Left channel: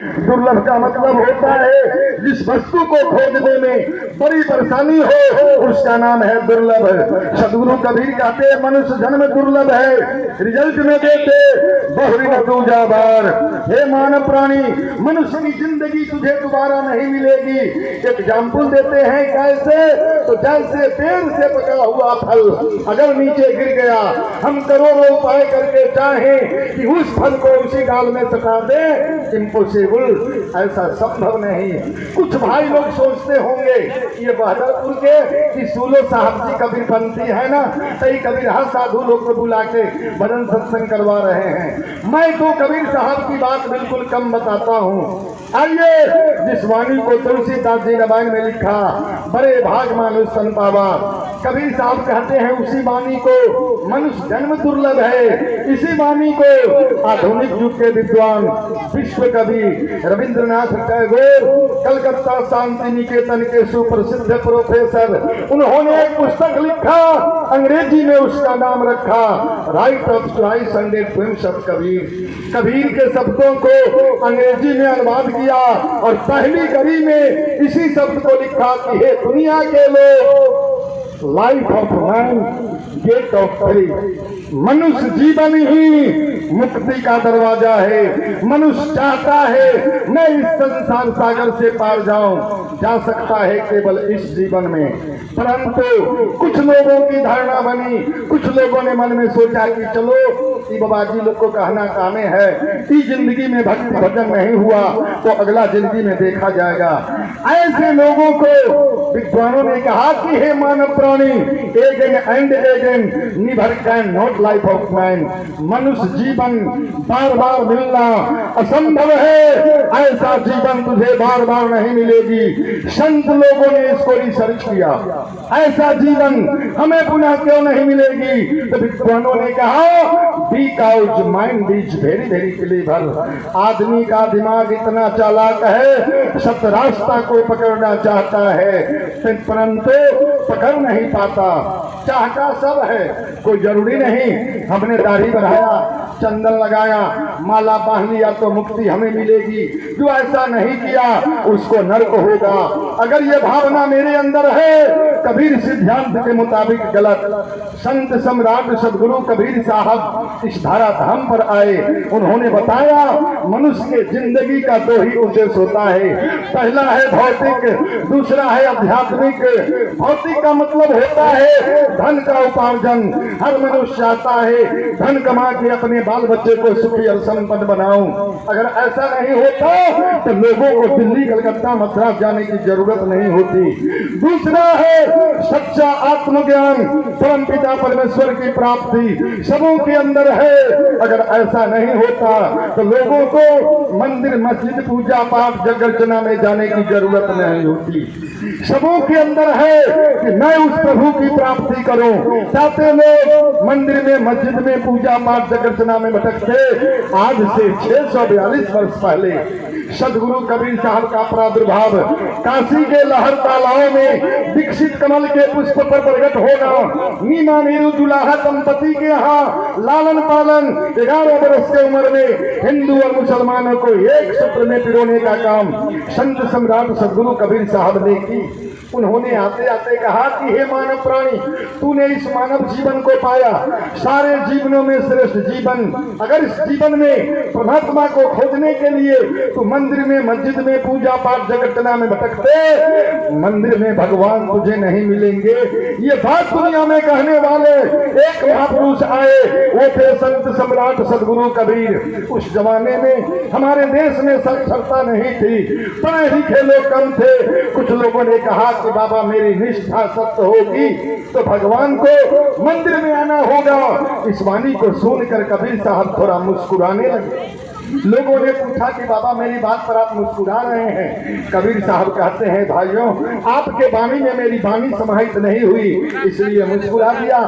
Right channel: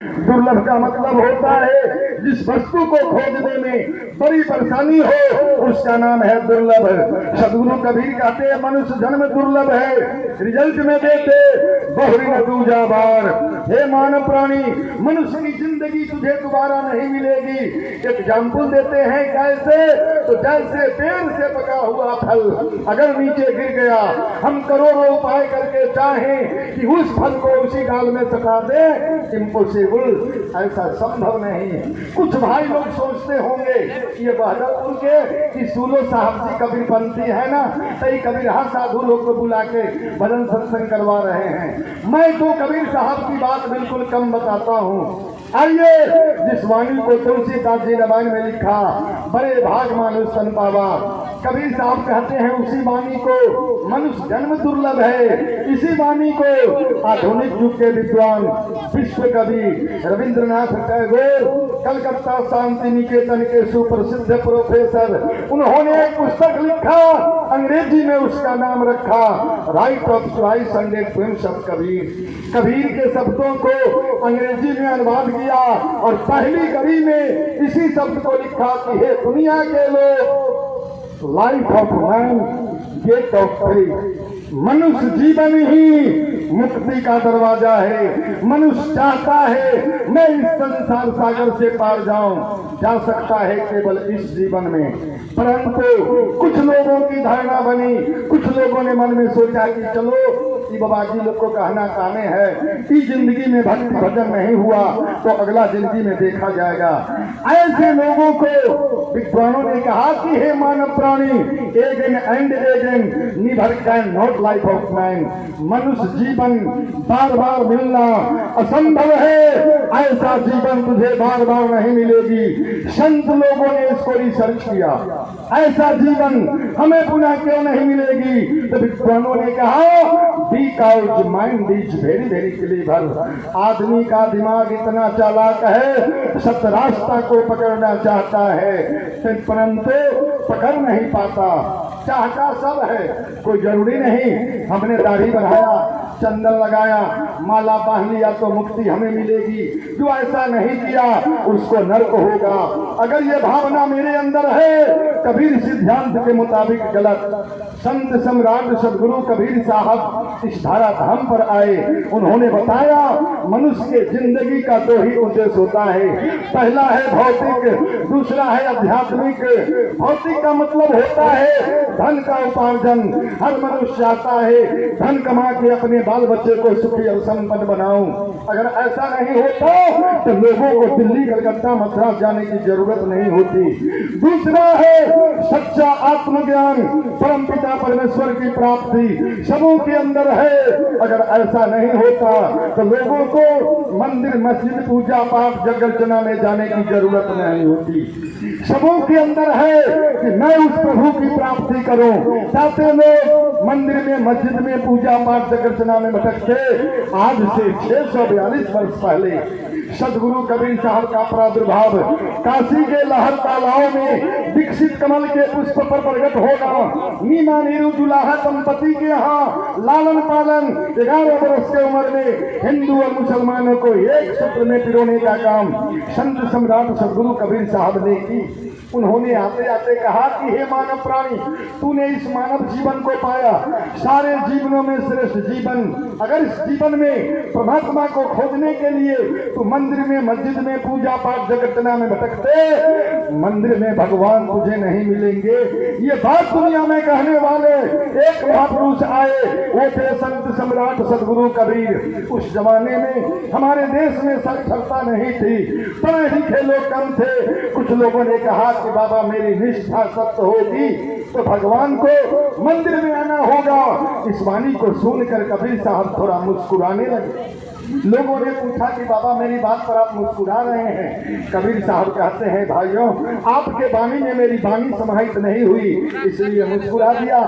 दुर्लभ का मतलब होता है जिस वस्तु को खोजने में बड़ी परेशानी हो, उसका नाम है दुर्लभ। सदगुरु कबीर कहते हैं मनुष्य जन्म दुर्लभ है, रिजल्ट में देते बहुरी दूजा बार। हे मानव प्राणी, मनुष्य की जिंदगी तुझे दोबारा नहीं मिलेगी। एग्जाम्पल देते हैं कैसे, तो जैसे पेड़ से पका हुआ फल अगर नीचे गिर गया, हम करोड़ों उपाय करके चाहें कि उस फल को उसी डाल में सटा दे, इम्पॉसिबल, ऐसा संभव नहीं। कुछ भाई लोग सोचते होंगे ये बहदरपुर के कि सूलो साहब जी कबीरपंथी है ना, सही कबीर हर साधु लोग को बुला के भजन सत्संग करवा रहे हैं। मैं तो कबीर साहब की बात बिल्कुल कम बताता हूँ। आइए, जिस वाणी को तुलसीदास जी रामायण में लिखा, बड़े भाग मानुष सन पावा, कबीर साहब कहते हैं उसी वाणी को मनुष्य जन्म दुर्लभ है। इसी वाणी को आधुनिक युग के विद्वान विश्व कवि रविंद्रनाथ टैगोर, कलकत्ता शांति निकेतन के सुप्रसिद्ध प्रोफेसर, उन्होंने एक पुस्तक लिखा, अंग्रेजी में उसका नाम रखा right of choice and friends of Kabir. Kabir के शब्दों को अंग्रेजी में अनुवाद किया और पहली कड़ी में इसी शब्द को लिखा कि हे दुनिया के लोग, life of man gate of faith. मनुष्य जीवन ही मुक्ति का दरवाजा है। मनुष्य चाहता है मैं इस संसार सागर से पार जाऊं, जा सकता है केवल इस जीवन में, परंतु कुछ लोगों की धारणा बनी, कुछ लोगों ने मन में सोचा कि चलो ये बाबा जी लोग को कहना कामे है, इस जिंदगी में भक्ति भजन नहीं हुआ तो अगला जिंदगी में देखा जाएगा। ऐसे लोगों को विद्वानों ने कहा कि हे मानव प्राणी, again and again never can not life of man. मनुष्य जीवन बार बार मिलना असंभव है, ऐसा जीवन तुझे बार बार नहीं मिलेगी। संत लोगों ने इसको रिसर्च किया, ऐसा जीवन हमें पुनः क्यों नहीं मिलेगी। तो विद्वानों ने कहा because mind is very very clever. आदमी का दिमाग इतना चालाक है, सत रास्ता को पकड़ना चाहता है परंतु पकड़ नहीं पाता। चाहता सब है, कोई जरूरी नहीं हमने दाढ़ी बढ़ाया, चंदन लगाया, माला बांध लिया तो मुक्ति हमें मिलेगी। जो ऐसा नहीं किया उसको नरक होगा। अगर ये भावना मेरे अंदर है, कबीर सिद्धांत के मुताबिक गलत। संत सम्राट सदगुरु कबीर साहब इस धारा धाम पर आए, उन्होंने बताया मनुष्य के जिंदगी का दो ही उद्देश्य होता है, पहला है भौतिक, दूसरा है आध्यात्मिक। भौतिक का मतलब होता है धन का उपार्जन। हर मनुष्य चाहता है धन कमा के अपने बाल बच्चे को सुखी और संपन्न बनाऊं। अगर ऐसा नहीं होता तो लोगों को दिल्ली कलकत्ता मद्रास जाने की जरूरत नहीं होती। दूसरा है सच्चा आत्मज्ञान, परम पिता परमेश्वर की प्राप्ति सबों के अंदर है। अगर ऐसा नहीं होता तो लोगों को मंदिर मस्जिद पूजा पाठ जगर्चना में जाने की जरूरत नहीं होती। सबों के अंदर है कि मैं उस प्रभु की प्राप्ति करूं। चाहते लोग मंदिर में मस्जिद में पूजा पाठ जगर्चना में भटकते। आज से 642 वर्ष पहले सदगुरु कबीर साहब का प्रादुर्भाव काशी के लहर तालाब में दीक्षित कमल के पुष्प पर प्रकट होना, नीमा नीरू दुल्हा दंपति के यहाँ लालन पालन 11 वर्ष की उम्र में हिंदू और मुसलमानों को एक सूत्र में पिरोने का काम संत सम्राट सदगुरु कबीर साहब ने की। उन्होंने आते आते कहा कि हे मानव प्राणी, तूने इस मानव जीवन को पाया, सारे जीवनों में श्रेष्ठ जीवन। अगर इस जीवन में परमात्मा को खोजने के लिए तू मंदिर में मस्जिद में पूजा पाठ जगर्चना में भटकते, मंदिर में भगवान तुझे नहीं मिलेंगे। ये बात दुनिया में कहने वाले एक महापुरुष आए, वो थे संत सम्राट सदगुरु कबीर। उस जमाने में हमारे देश में साक्षरता नहीं थी, पढ़े लिखे लोग कम थे। कुछ लोगों ने कहा कि बाबा मेरी निष्ठा सत्य होगी तो भगवान को मंदिर में आना होगा। इस वाणी को सुनकर कबीर साहब थोड़ा मुस्कुराने लगे। लोगों ने पूछा कि बाबा मेरी बात पर आप मुस्कुरा रहे हैं। कबीर साहब कहते हैं भाइयों, आपके वाणी में मेरी वाणी समाहित नहीं हुई इसलिए मुस्कुरा दिया।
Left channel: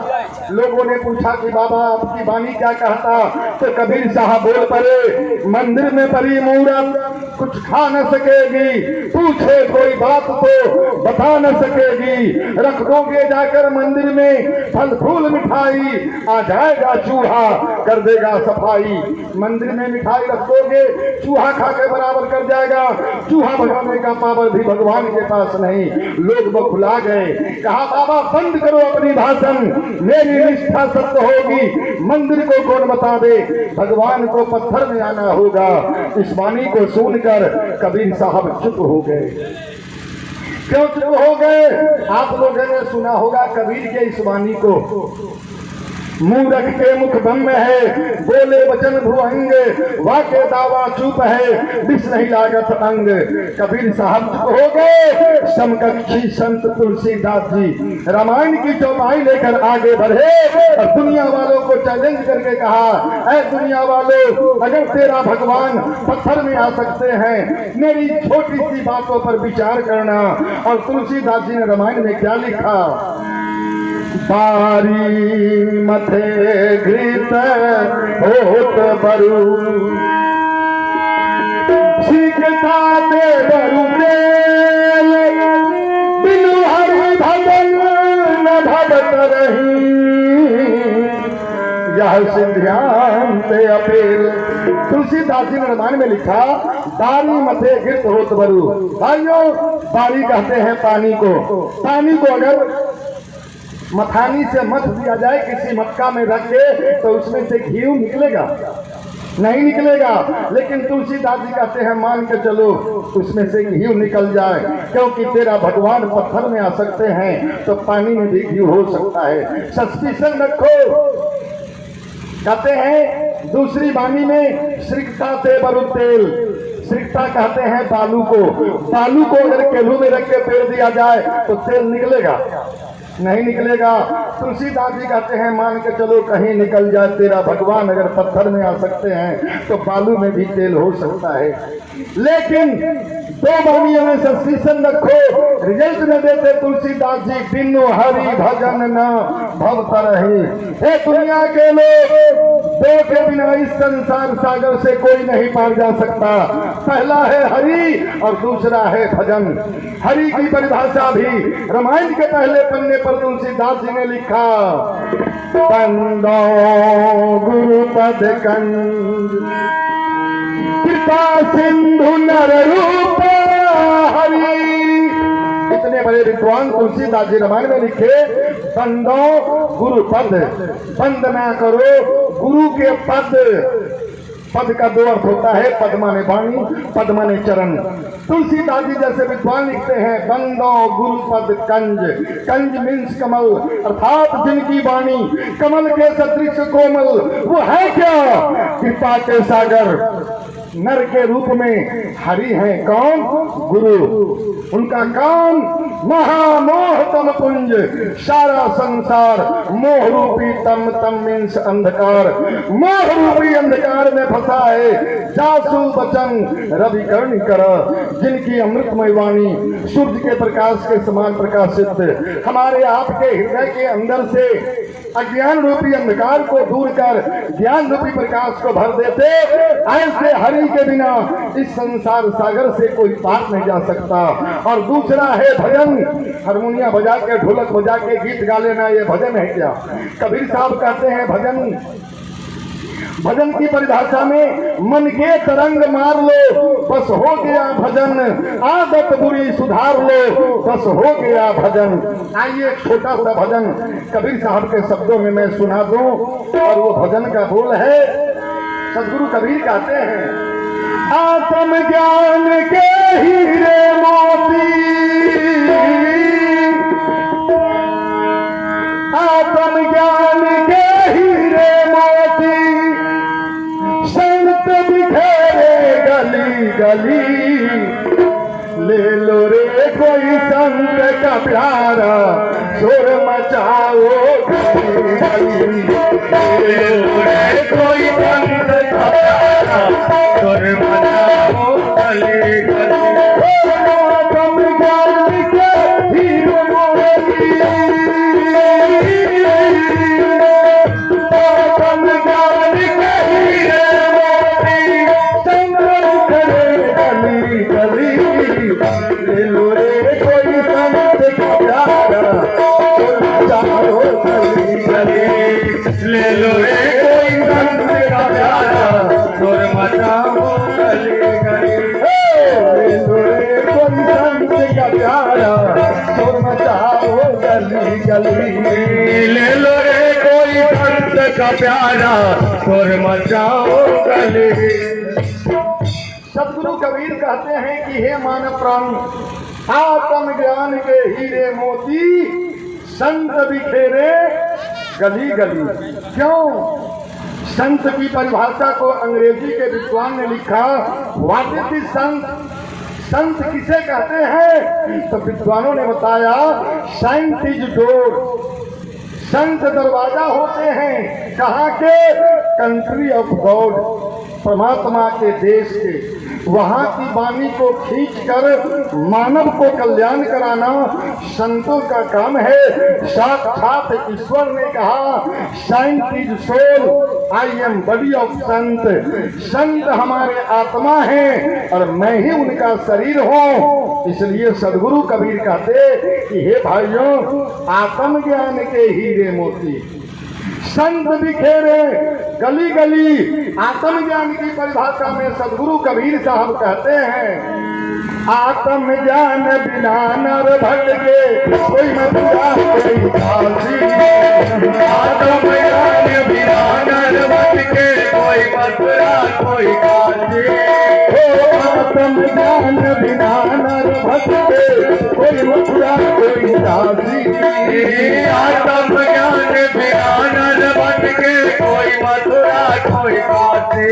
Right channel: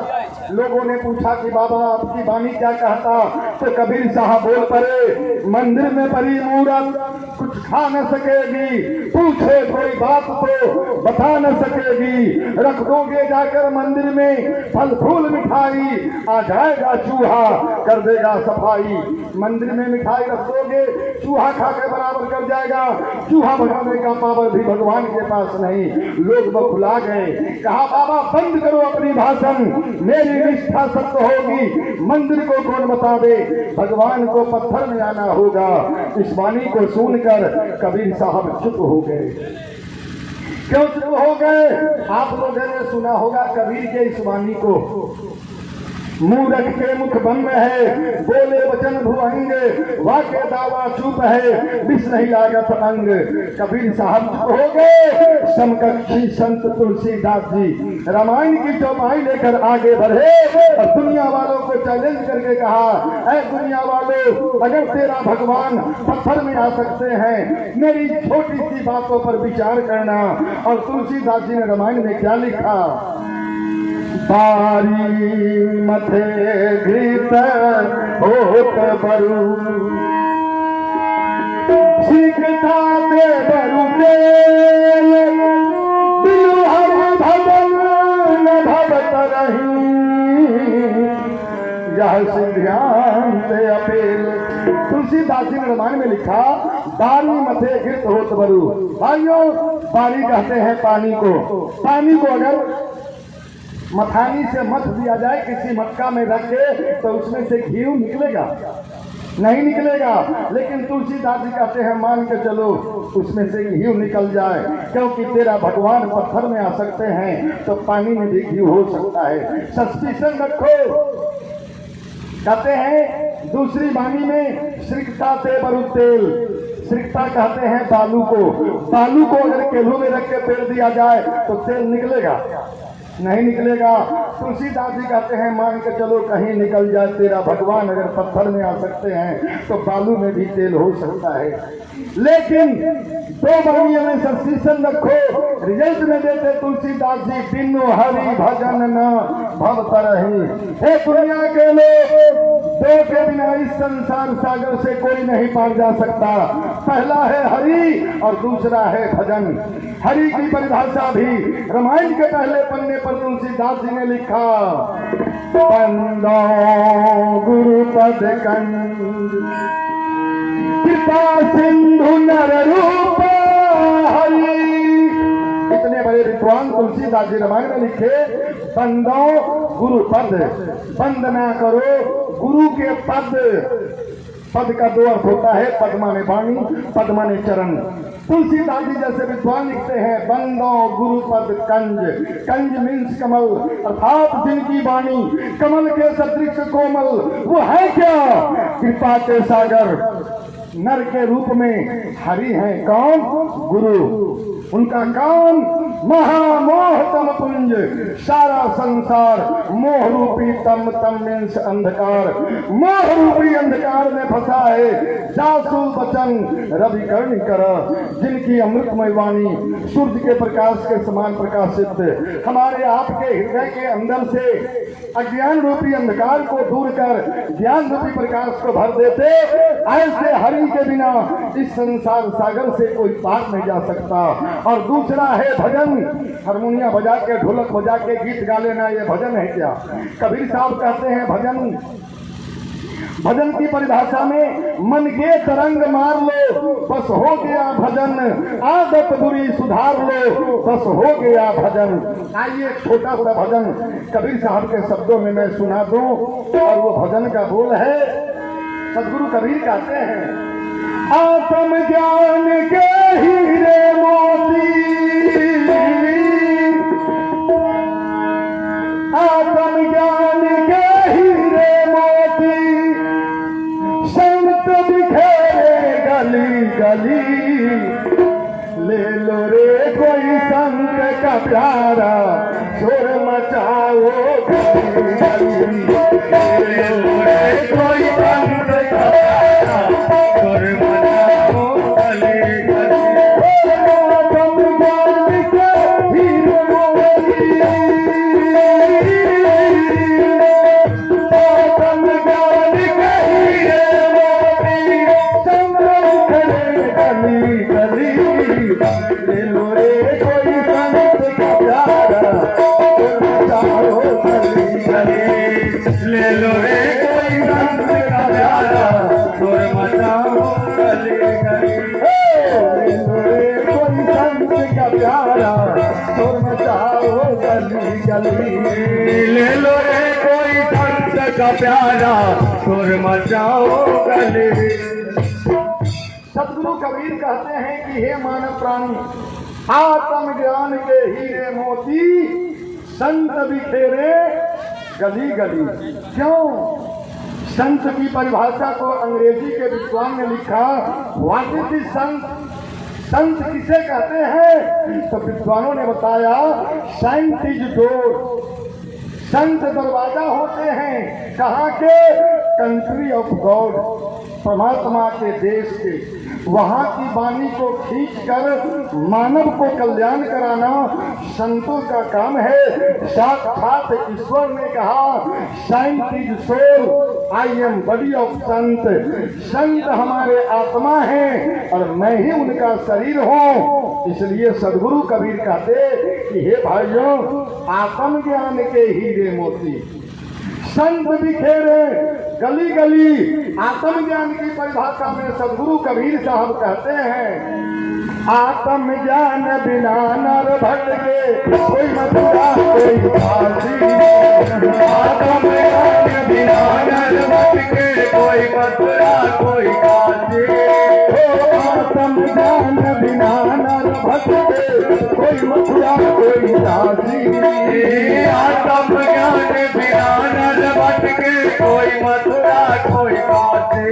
लोगों ने पूछा कि बाबा आपकी वाणी क्या कहता, तो कबीर साहब बोल पड़े, मंदिर में पड़ी मूरत कुछ खा न सकेगी, पूछे कोई बात तो बता न सकेगी, रख दोगे जाकर मंदिर में फल फूल मिठाई, आ जाएगा चूहा कर देगा सफाई। मंदिर में मिठाई रख दोगे, चूहा खा के बराबर कर जाएगा, चूहा भगाने का पावर भी भगवान के पास नहीं। लोग बखुला गए, कहा बाबा बंद करो अपनी भाषण, मेरी निष्ठा सत्य होगी, मंदिर को कौन बता दे, भगवान को पत्थर में आना होगा। इस वाणी को सुनकर कबीर साहब चुप हो गए। क्यों चुप हो गए? आप लोगों ने सुना होगा कबीर के इस वाणी को, मूरख के मुख बंद है, बोले वचन भुअंग, वाके दावा चुप है, विष नहीं लागत अंग। कबीर साहब चुप हो गए। समकक्षी संत तुलसीदास जी रामायण की चौपाई लेकर आगे बढ़े और दुनिया वालों को चैलेंज करके कहा, ऐ दुनिया वालों, अगर तेरा भगवान पत्थर में आ सकते हैं, मेरी छोटी सी बातों पर विचार करना। और तुलसीदास जी ने रामायण में क्या लिखा, बारी मथे घृत होत बरु, सीखता दे बरु तेल, बिनु हरि भजन न भगत रही, यह सिद्धांत अपेल। तुलसीदास जी ने रामायण में लिखा, बारी मथे घृत होत बरु। भाइयों, बारी कहते हैं पानी को। पानी को अगर मथानी से मथ दिया जाए किसी मटका में रख के, तो उसमें से घी निकलेगा? नहीं निकलेगा। लेकिन तुलसीदास जी कहते हैं मान के चलो उसमें से घी निकल जाए, क्योंकि तेरा भगवान पत्थर में आ सकते हैं तो पानी में भी घी हो सकता है। सस्पिशन रखो। कहते हैं दूसरी वाणी में, श्रिकता ते बरु तेल। श्रिकता कहते हैं बालू को। बालू को अगर केलू में रख के पेड़ दिया जाए तो तेल निकलेगा? नहीं निकलेगा। तुलसीदास जी कहते हैं मान के चलो कहीं निकल जाए, तेरा भगवान अगर पत्थर में आ सकते हैं तो बालू में भी तेल हो सकता है। लेकिन दो वाणियों में सस्पिशन रखो, रिजल्ट न देते तुलसीदास जी, बिनु हरि भजन न भव तरहि। हे दुनिया के लोग, दो के बिना इस संसार सागर से कोई नहीं पार जा सकता। पहला है हरि और दूसरा है भजन। हरि की परिभाषा भी रामायण के पहले पन्ने पर तुलसीदास जी ने लिखा, बंदो गुरुपद कंज, कृपा सिंधु नर रूप हरि। इतने बड़े विद्वान तुलसीदास जी रामायण में लिखे, बंदो गुरुपद, बंद ना करो गुरु के पद। पद का दो अर्थ होता है, पद माने वाणी, पद माने चरण। तुलसीदास जी जैसे विद्वान लिखते हैं, बंदो गुरुपद कंज। कंज मीन्स कमल, अर्थात जिनकी वाणी कमल के सदृश कोमल, वो है क्या? कृपा के सागर। नर के रूप में हरि हैं कौन? गुरु। उनका काम महामोह तम पुंज, सारा संसार मोह रूपी तम तम मीन्स अंधकार, मोह रूपी अंधकार में फंसा है। जासु वचन रवि कर्ण कर, जिनकी अमृतमय वाणी सूर्य के प्रकाश के समान प्रकाशित हमारे आपके हृदय के अंदर से अज्ञान रूपी अंधकार को दूर कर ज्ञान रूपी प्रकाश को भर देते। ऐसे हरि के बिना इस संसार सागर से कोई पार नहीं जा सकता। और दूसरा है भजन। हारमोनिया बजा के, ढोलक बजा के गीत गा लेना, ये भजन है क्या? कबीर साहब कहते हैं भजन, भजन की परिभाषा में मन के तरंग मार लो, बस हो गया भजन। आदत बुरी सुधार लो, बस हो गया भजन। आइए एक छोटा सा भजन कबीर साहब के शब्दों में मैं सुना दूं। और वो भजन का बोल है, सदगुरु कबीर कहते हैं, आत्म ज्ञान के हीरे मोती, आत्म ज्ञान के हीरे मोती, संत बिखेरे गली गली। ले लो रे कोई संत का प्यारा, शोर मचाओ गली गली। ले लो रे कोई संत का प्यारा, शोर मचाओ गली गली। आत्म ज्ञान के हीरे मोती, गली गली, ले लो रे कोई संत का प्यारा, चारों गली गली, ले लो रे कोई संत का प्यारा, शोर मचाओ गली गली, ले लो रे कोई संत का प्यारा, शोर मचाओ गली गली, ले लो रे कोई संत का प्यारा, शोर मचाओ गली। सदगुरु कबीर कहते हैं कि हे मानव प्राणी, आत्म ज्ञान के हीरे मोती संत बिखेरे गली गली। क्यों? संत की परिभाषा को अंग्रेजी के विद्वान ने लिखा, व्हाट इज संत? संत किसे कहते हैं? तो विद्वानों ने बताया, सेंट इज डोर, संत दरवाजा होते हैं। कहाँ के? कंट्री ऑफ गॉड, परमात्मा के देश के। वहाँ की वाणी को खींचकर मानव को कल्याण कराना संतों का काम है। साक्षात ईश्वर ने कहा, saint is soul, I am body of संत। संत हमारे आत्मा हैं और मैं ही उनका शरीर हूँ। इसलिए सदगुरु कबीर कहते कि हे भाइयों, आत्मज्ञान के हीरे मोती संत बिखेरे गली गली। आत्मज्ञान की परिभाषा में सदगुरु कबीर साहब कहते हैं, आत्मज्ञान बिना नर भटके, कोई मथुरा कोई काशी। आत्मज्ञान बिना नर भटके, कोई मथुरा कोई काशी। आत्मज्ञान बिना नर भटके, कोई मथुरा कोई काशी। आत्मज्ञान बिना नर भटके, कोई मथुरा कोई काशी।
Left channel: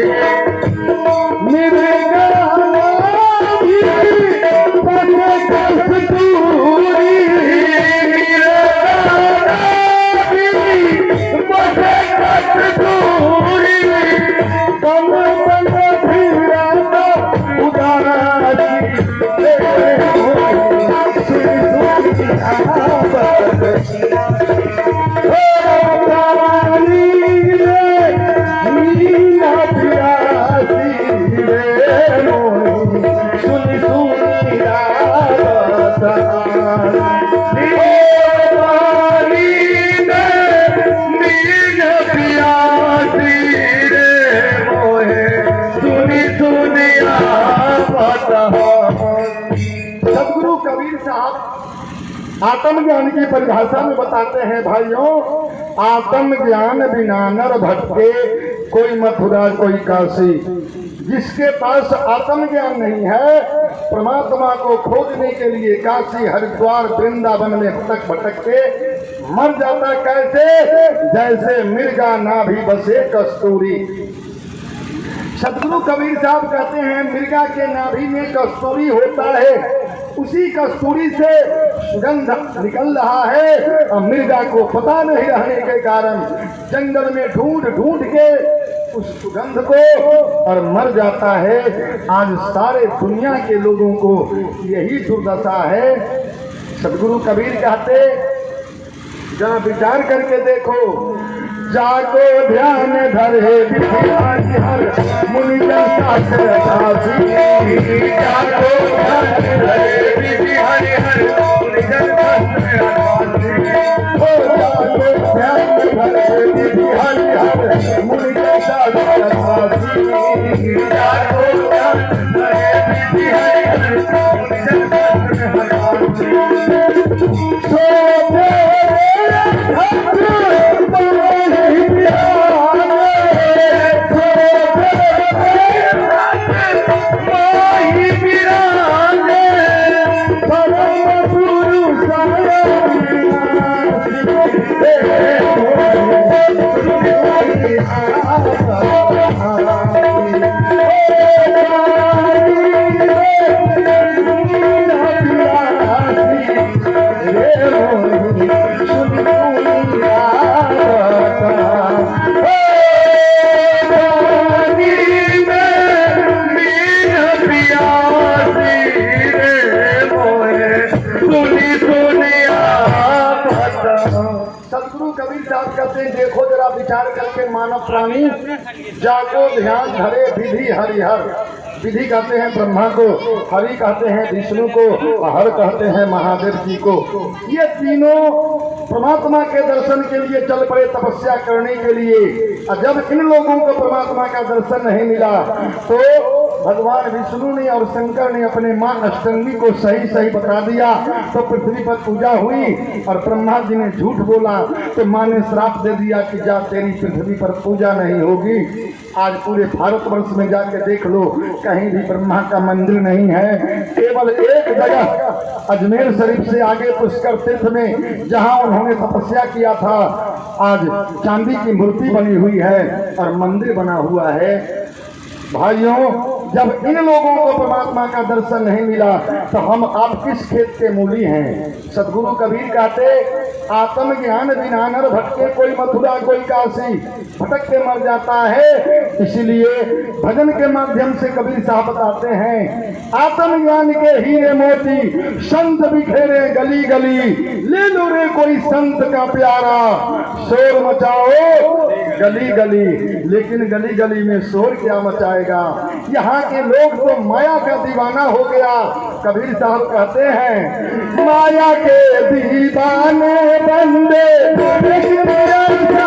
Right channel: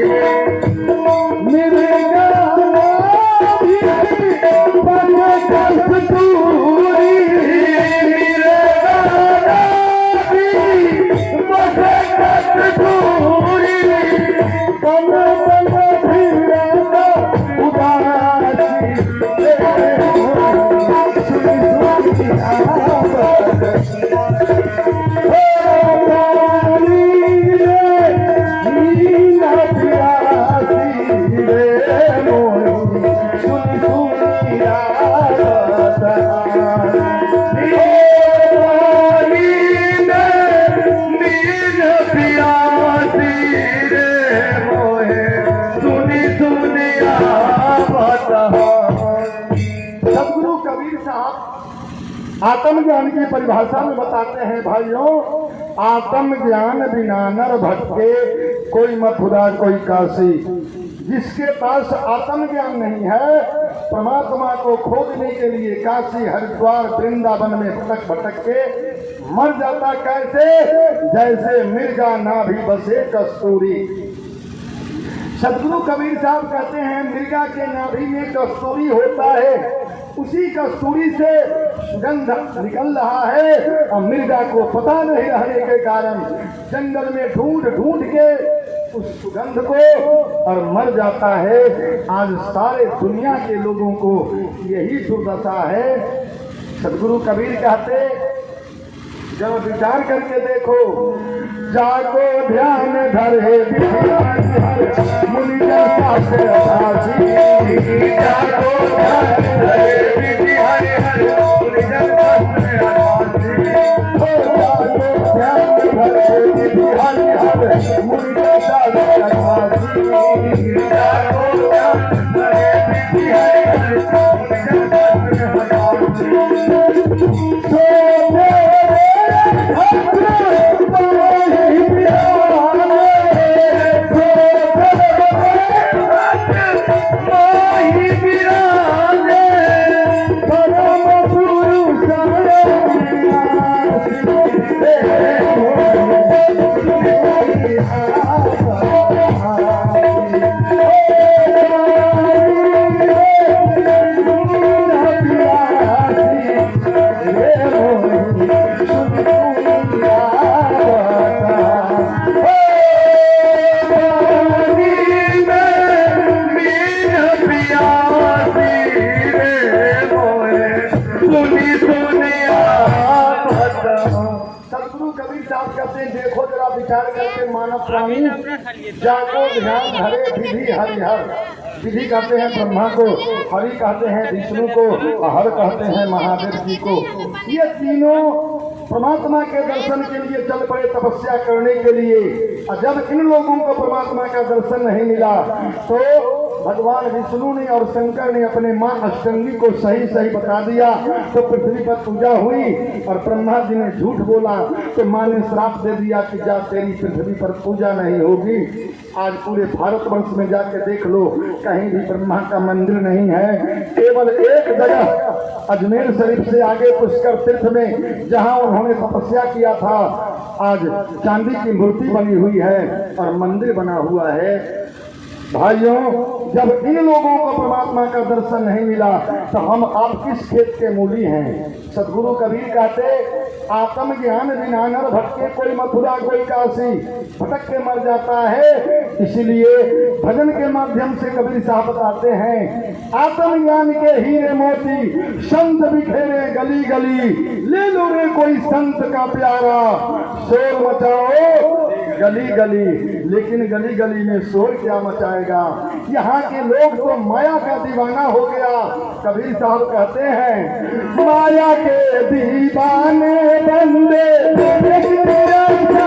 सदगुरु कबीर साहब आत्मज्ञान की परिभाषा में बताते हैं, भाइयों, आत्मज्ञान बिना नर भटके, कोई मथुरा कोई काशी। जिसके पास आत्मज्ञान नहीं है, परमात्मा को खोजने के लिए काशी हरिद्वार वृंदावन में भटक भटक के मर जाता। कैसे? जैसे मिर्गा नाभि बसे कस्तूरी। सदगुरु कबीर साहब कहते हैं, मिर्गा के नाभि में कस्तूरी होता है, उसी कस्तूरी से सुगंध निकल रहा है और मिर्गा को पता नहीं रहने के कारण जंगल में ढूंढ ढूंढ के उस सुगंध को और मर जाता है। आज सारे दुनिया के लोगों को यही दुर्दशा है। सदगुरु कबीर कहते, जरा विचार करके देखो, जाको ध्यान धरे मुनि शास्त्र साथी। जाको ध्यान धरे मुनि सदगुरु कबीर साहब कहते हैं, देखो जरा विचार करके मानव प्राणी, जाको ध्यान धरे विधि हरिहर। विधि कहते हैं ब्रह्मा को, हरि कहते हैं विष्णु को, हर कहते हैं महादेव जी को। ये तीनों परमात्मा के दर्शन के लिए चल पड़े तपस्या करने के लिए। और जब इन लोगों को परमात्मा का दर्शन नहीं मिला तो भगवान विष्णु ने और शंकर ने अपने मां अष्टंगी को सही सही बता दिया, तो पृथ्वी पर पूजा हुई। और ब्रह्मा जी ने झूठ बोला तो मां ने श्राप दे दिया कि जा तेरी पृथ्वी पर पूजा नहीं होगी। आज पूरे भारतवर्ष में जाके देख लो, कहीं भी ब्रह्मा का मंदिर नहीं है। केवल एक जगह अजमेर शरीफ से आगे पुष्कर तीर्थ में, जहां उन्होंने तपस्या किया था, आज चांदी की मूर्ति बनी हुई है और मंदिर बना हुआ है। भाइयों, जब इन लोगों को परमात्मा का दर्शन नहीं मिला तो हम आप किस खेत के मूली हैं। सदगुरु कबीर कहते, आत्मज्ञान बिना नर भटके, कोई मथुरा कोई काशी, भटक के मर जाता है। इसलिए भजन के माध्यम से कबीर साहब बताते हैं, आत्मज्ञान के हीरे मोती संत बिखेरे गली गली, ले लो रे कोई संत का प्यारा, शोर मचाओ गली गली। लेकिन गली गली में शोर क्या मचाएगा, यहाँ के लोग तो माया का दीवाना हो गया। कबीर साहब कहते हैं, माया के दीवाने बंदे, माया के दीवाने बंदे,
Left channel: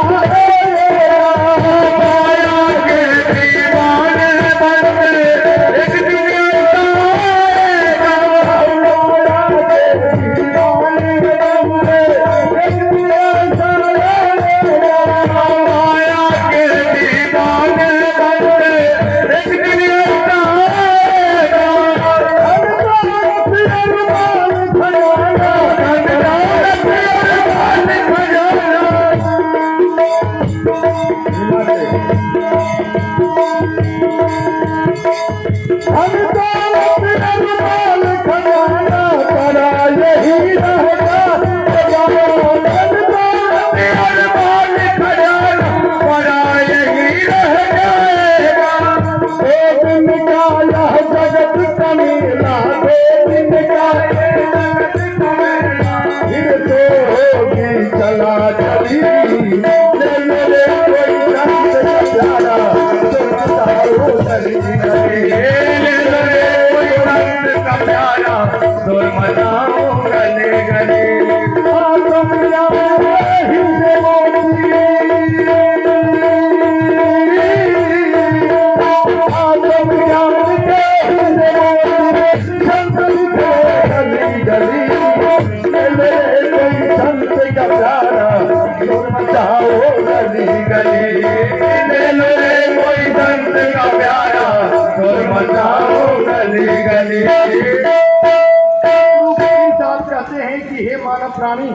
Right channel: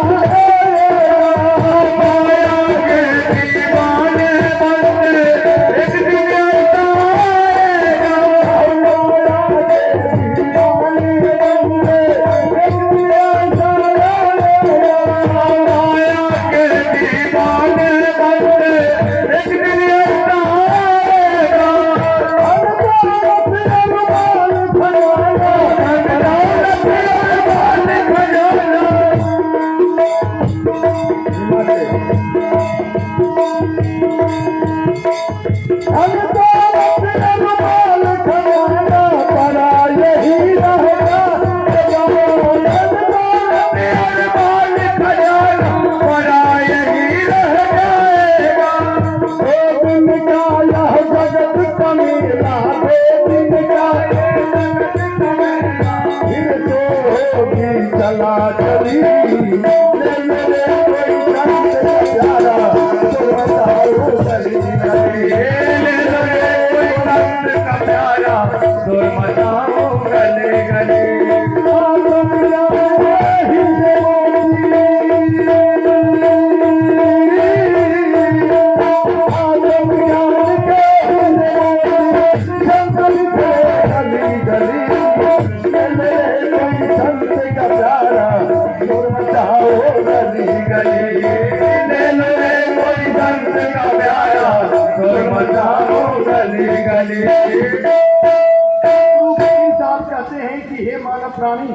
एक प्राणी,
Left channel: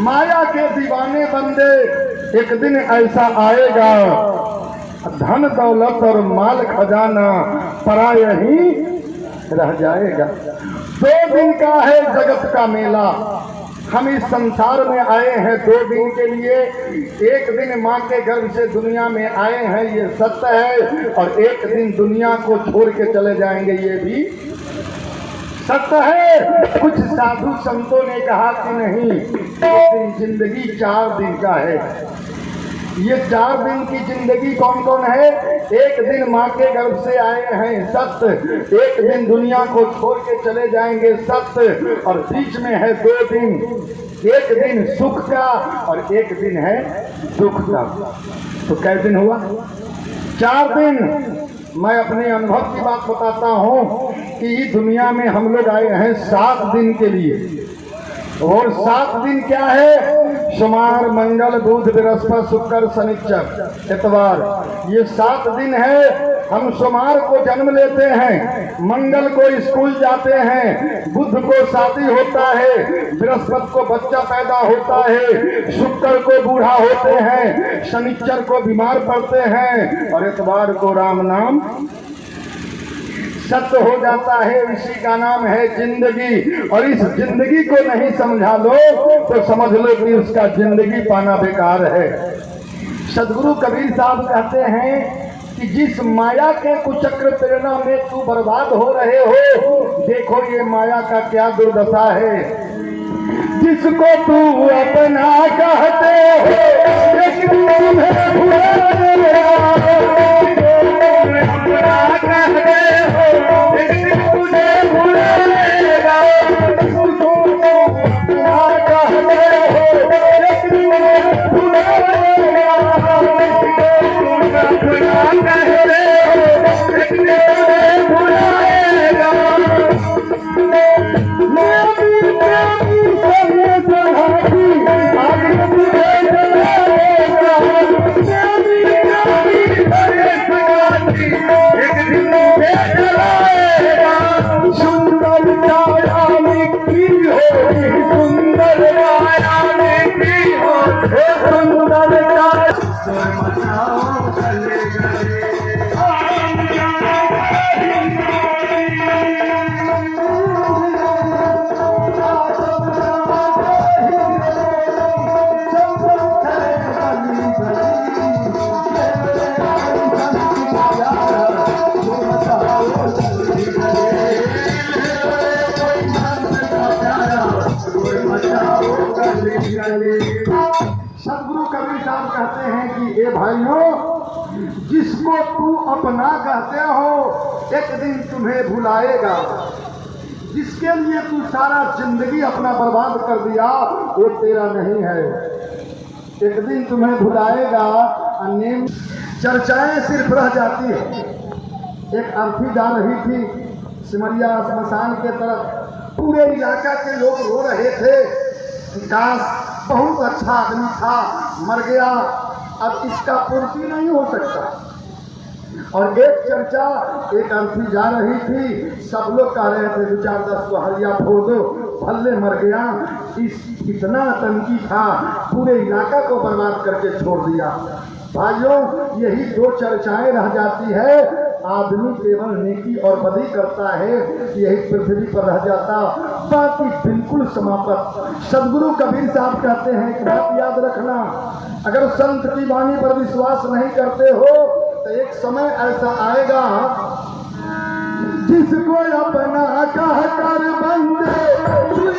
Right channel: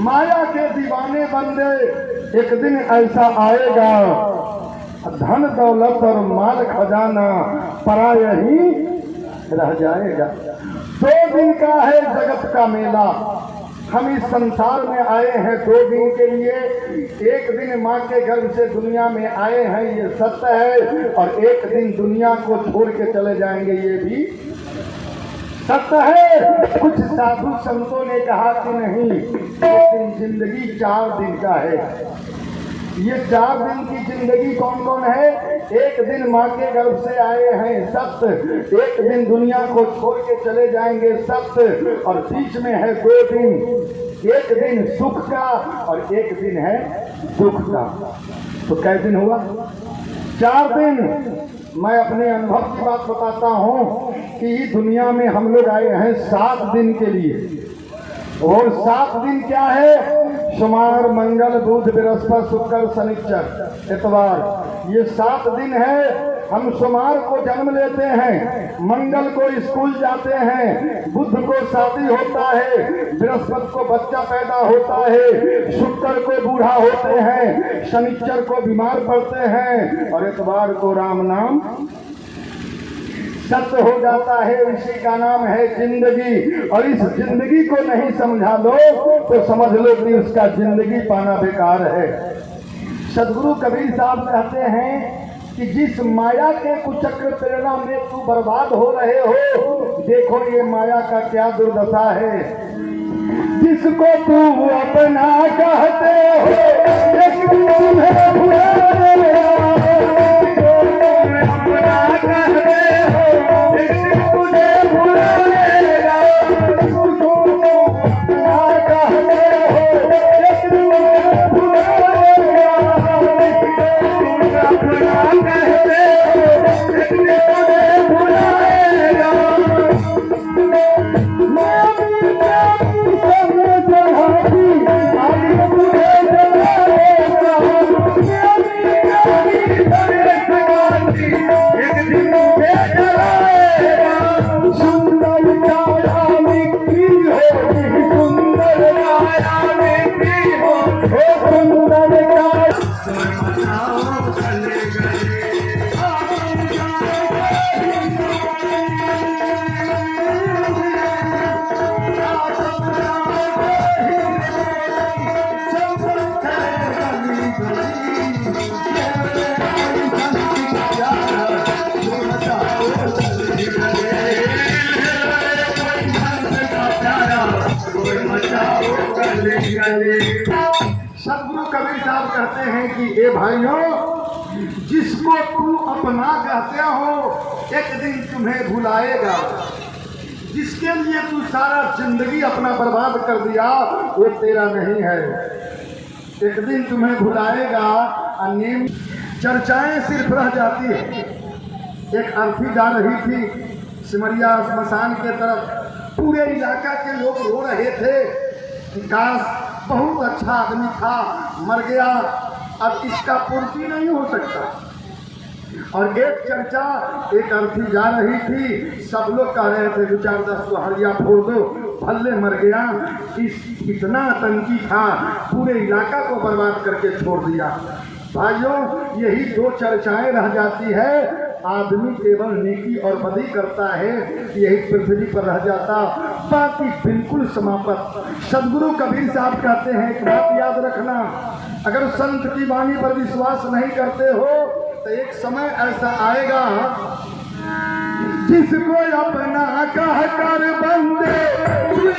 माया के दीवाने बंदे, एक दिन ऐसा आएगा, धन दौलत और माल खजाना पराया ही रह जाएगा। 2 दिन का है जगत का मेला। हम इस संसार में आए हैं 2 दिन के लिए। एक दिन माँ के गर्भ से दुनिया में आए हैं, ये सत्य है, और एक दिन दुनिया को छोड़ के चले जाएंगे, ये भी सत्य है। कुछ साधु संतों ने कहा कि नहीं, एक जिंदगी 4 दिन का है। ये 4 दिन की जिंदगी कौन कौन है? एक दिन माँ के गर्भ से आए हैं, सत्य। एक दिन दुनिया को छोड़ के चले जाएंगे, सत्य। और बीच में है 2 दिन, एक दिन सुख का और एक दिन है दुख का। तो कै दिन हुआ? 4 दिन। मैं अपने अनुभव की बात बताता हूँ कि दुनिया में हम लोग आए हैं 7 दिन के लिए। और 7 दिन क्या है? सोमवार, मंगल, बुध, बृहस्पति, शुक्र, शनिचर, इतवार, ये 7 दिन है। हम सोमवार को जन्म लेते हैं, मंगल को स्कूल जाते हैं, बुध को शादी होता है, बृहस्पति को बच्चा पैदा होता है, शुक्र को बूढ़ा होते हैं, शनिचर को बीमार पड़ते हैं, और इतवार को राम नाम सत्य हो जाता है। इसी का नाम है जिंदगी। और इस जिंदगी को नहीं समझा लो तो समझ लो कि उसका जिंदगी पाना बेकार है। सदगुरु कबीर साहब कहते हैं कि जिस माया के कुचक्र प्रेरणा में तू बर्बाद हो रहे हो, देखो ये माया का क्या दुर्दशा है। जिसको तू अपना कहते हो, एक दिन तुम्हें कहते हो, कबीर साहब कहते हैं कि ए भाइयों, जिसको तू अपना कहते हो एक दिन तुम्हें भुलाएगा। जिसके लिए तू सारा जिंदगी अपना बर्बाद कर दिया वो तेरा नहीं है, एक दिन तुम्हें भुलाएगा। अन्य चर्चाएं सिर्फ रह जाती है। एक अर्थी जा रही थी सिमरिया स्मशान के तरफ, पूरे इलाका के लोग रो रहे थे, काश बहुत अच्छा आदमी था, मर गया, अब इसका पूर्ति नहीं हो सकता। और एक चर्चा, एक अर्थी जा रही थी, सब लोग कह रहे थे 2-4-10 को हरिया फोड़ दो, भल्ले मर गया, इतना आतंकी था, पूरे इलाका को बर्बाद करके छोड़ दिया। भाइयों, यही दो चर्चाएं रह जाती है। आदमी केवल नेकी और बदी करता है, यही पृथ्वी पर रह जाता, बाकी बिल्कुल समाप्त। सदगुरु कबीर साहब कहते हैं कि बात याद रखना, अगर संत की वाणी पर विश्वास नहीं करते हो तो एक समय ऐसा आएगा, जिसको अपना कह कर बंदे कली